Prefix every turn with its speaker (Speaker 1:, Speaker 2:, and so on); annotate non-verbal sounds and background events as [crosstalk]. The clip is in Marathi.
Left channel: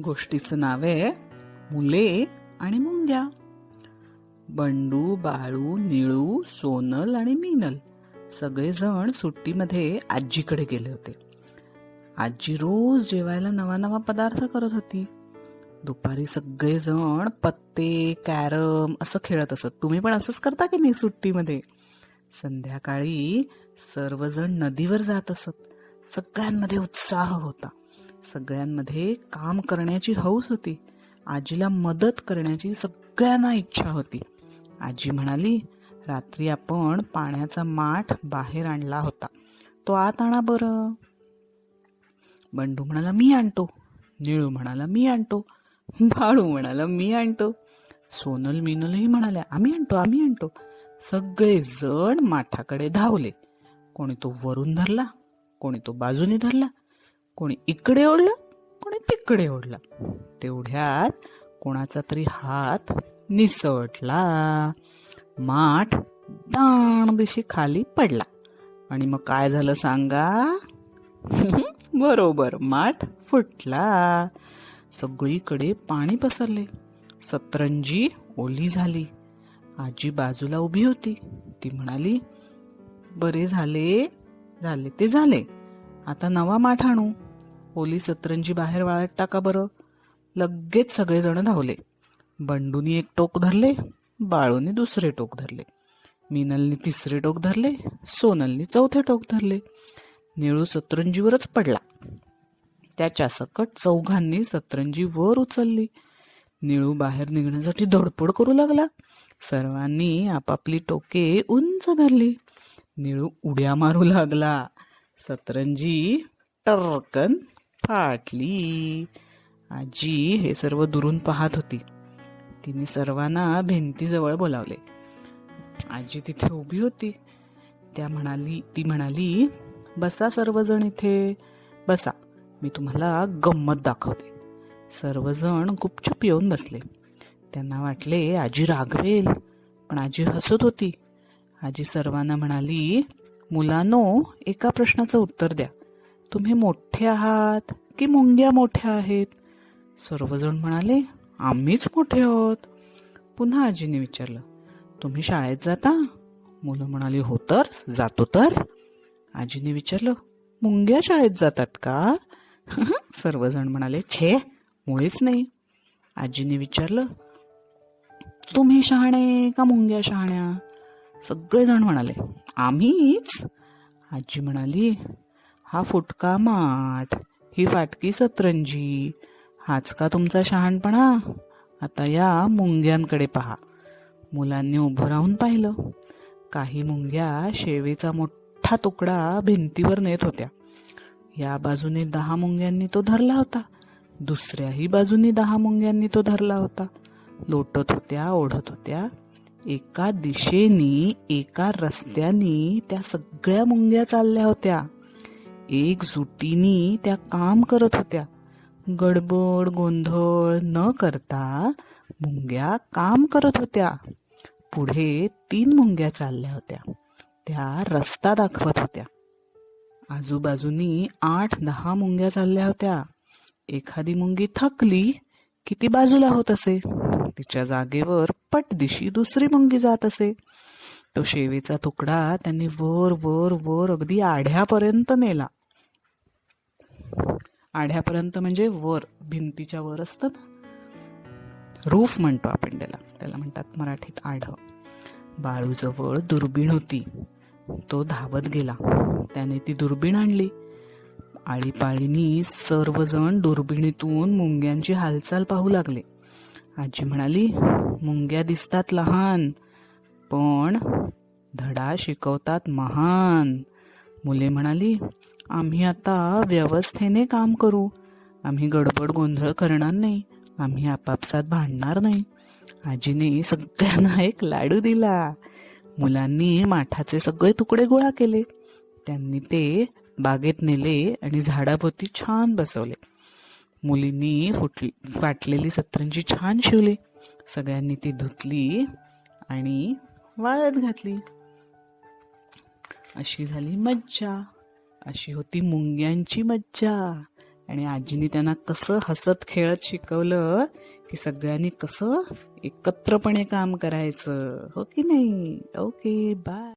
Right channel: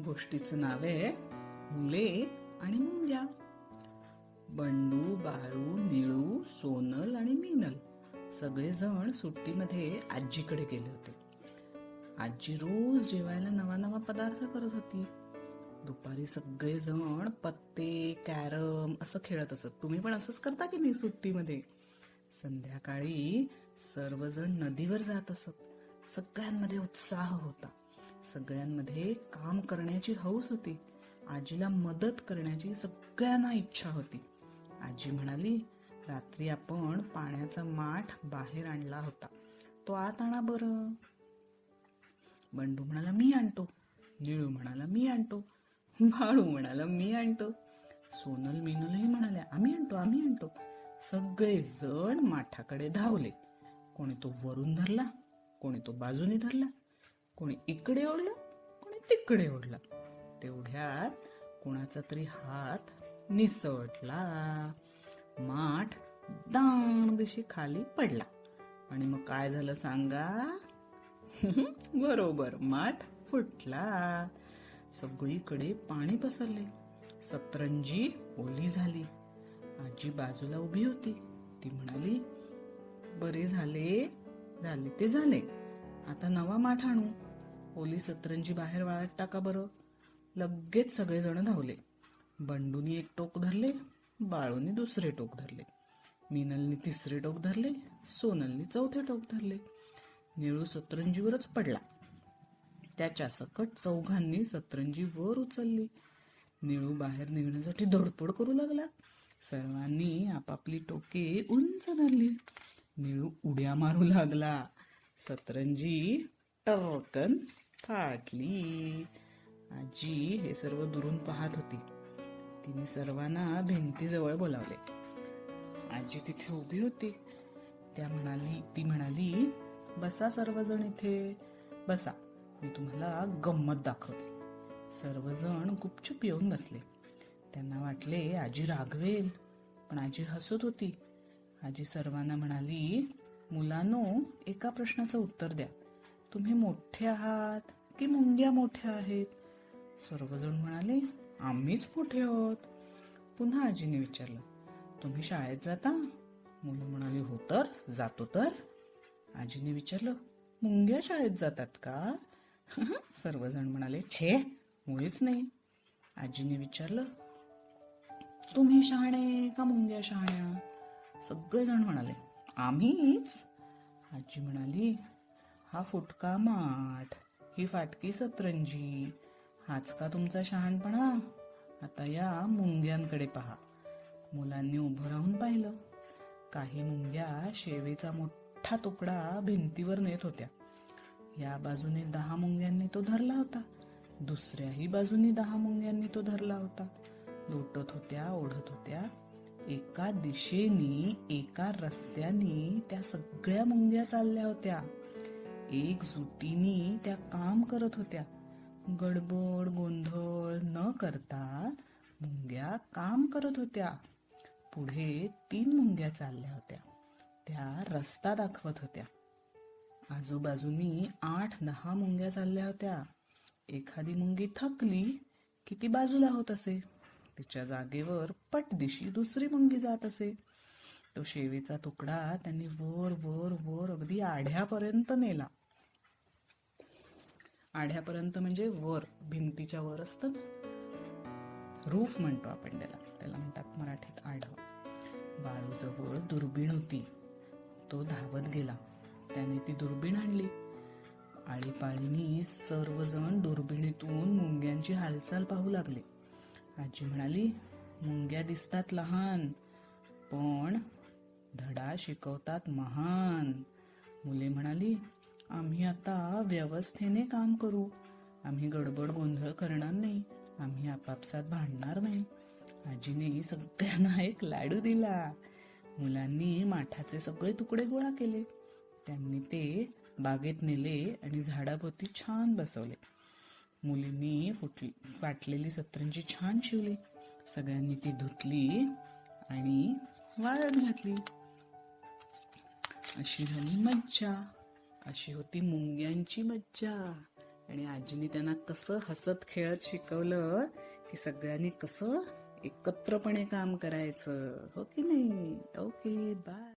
Speaker 1: गोष्टीचं नाव आहे मुले आणि मुंग्या. बंडू बाळू निळू सोनल आणि मीनल सगळेजण सुट्टीमध्ये आजीकडे गेले होते. आजी रोज जेवायला नवा नवा पदार्थ करत होती. दुपारी सगळेजण पत्ते कॅरम असं खेळत असत. तुम्ही पण असंच करता की नाही सुट्टीमध्ये? संध्याकाळी सर्वजण नदीवर जात असत. सगळ्यांमध्ये उत्साह होता. सगळ्यांमध्ये काम करण्याची हौस होती. आजीला मदत करण्याची सगळ्यांना इच्छा होती. आजी म्हणाली रात्री आपण पाण्याचा माठ बाहेर आणला होता. तो आत आणा बरं. बंडू म्हणाला मी आणतो. निळू म्हणाला मी आणतो. बाळू म्हणाला मी आणतो. सोनल मिनलही म्हणाल्या आम्ही आणतो आम्ही आणतो. सगळे जण माठाकडे धावले. कोणी तो वरून धरला कोणी तो बाजूने धरला कोणी इकडे ओढला कोणी तिकडे ओढला. तेवढ्यात कोणाचा तरी हात निसटला माठ दाणदिशी खाली पडला. आणि मग काय झालं सांगा? [laughs] बरोबर माठ फुटला. सगळीकडे पाणी पसरले. सतरंजी ओली झाली. आजी बाजूला उभी होती. ती म्हणाली बरे झाले झाले ते झाले. आता नवा माठ आणू. ओली सतरंजी बाहेर वाळत टाका बरं. लगेच सगळेजण धावले. बंडूनी एक टोक धरले बाळूनी दुसरे टोक धरले. मिनलने तिसरे टोक धरले सोनलनी चौथे टोक धरले. निळू सतरंजीवरच पडला. त्याच्या सकट चौघांनी सतरंजी वर उचलली. निळू बाहेर निघण्यासाठी धडपड करू लागला. सर्वांनी आपापली टोके उंच धरली. निळू उड्या मारू लागला. सतरंजी टर्कन फाटली आजी हे सर्व दुरून पाहत होती. तिने सर्वांना भिंतीजवळ बोलावले. आजी तिथे उभी होती. त्या म्हणाली ती म्हणाली बसा सर्वजण इथे. बसा. मी तुम्हाला गंमत दाखवते. सर्वजण गुपचूप येऊन बसले. त्यांना वाटले आजी रागवेल. पण आजी हसत होती. आजी सर्वांना म्हणाली मुलांनो एका प्रश्नाचं उत्तर द्या. तुम्ही मोठे आहात की मुंग्या मोठ्या आहेत? सर्वजण म्हणाले आम्हीच मोठे आहोत. पुन्हा आजीने विचारलं तुम्ही शाळेत जाता? मुलं म्हणाली हो तर जातो तर. आजीने विचारलं मुंग्या शाळेत जातात का? [laughs] सर्वजण म्हणाले छे मुळीच नाही. आजीने विचारलं तुम्ही शहाणे का मुंग्या शहाण्या? सगळेजण म्हणाले आम्हीच. आजी म्हणाली हा फुटका माठ ही फाटकी सतरंजी. हाच का तुमचा शहाणपणा? आता या मुंग्यांकडे पहा. मुलांनी उभं राहून पाहिलं. काही मुंग्या शेवेचा मोठा तुकडा भिंतीवर नेत होत्या. या बाजूने दहा मुंग्यांनी तो धरला होता. दुसऱ्याही बाजूनी दहा मुंग्यांनी तो धरला होता. लोटत होत्या ओढत होत्या. एका दिशेनी एका रस्त्यानी त्या सगळ्या मुंग्या चालल्या होत्या. एक जुटीनी त्या काम करत होत्या. गडबड गोंधळ न करता मुंग्या काम करत होत्या. पुढे तीन मुंग्या चालल्या होत्या. त्या रस्ता दाखवत होत्या. आजूबाजूनी आठ दहा मुंग्या चालल्या होत्या. एखादी मुंगी थकली की ती बाजूला होत असे? तिच्या जागेवर पटदिशी दुसरी मुंगी जात असे. तो शेवेचा तुकडा त्यांनी वर वर वर अगदी आढ्यापर्यंत नेला. आढ्यापर्यंत म्हणजे वर भिंतीच्या वर असतं रूफ म्हणतो आपण त्याला. त्याला म्हणतात मराठीत आढ. बाळूजवळ दुर्बीण होती. तो धावत गेला. त्याने ती दुर्बीण आणली. आळीपाळीनी सर्वजण दुर्बिणीतून मुंग्यांची हालचाल पाहू लागले. आजी म्हणाली मुंग्या दिसतात लहान पण धडा शिकवतात महान. मुले म्हणाली आम्ही आता व्यवस्थेने काम करू. आम्ही गडबड गोंधळ करणार नाही. आम्ही आपापसात भांडणार नाही. आजीने सगळ्यांना एक लाडू दिला. मुलांनी माठाचे सगळे तुकडे गोळा केले. त्यांनी ते बागेत नेले आणि झाडाभोवती छान बसवले. मुलींनी फुटली फाटलेली सतरंजी छान शिवली. सगळ्यांनी ती धुतली आणि वाळत घातली. अशी झाली मज्जा. अशी होती मुंग्यांची मज्जा. आणि आजीने त्यांना कसं हसत खेळत शिकवलं की सगळ्यांनी कसं एकत्रपणे काम करायचं. हो की नाही? Okay bye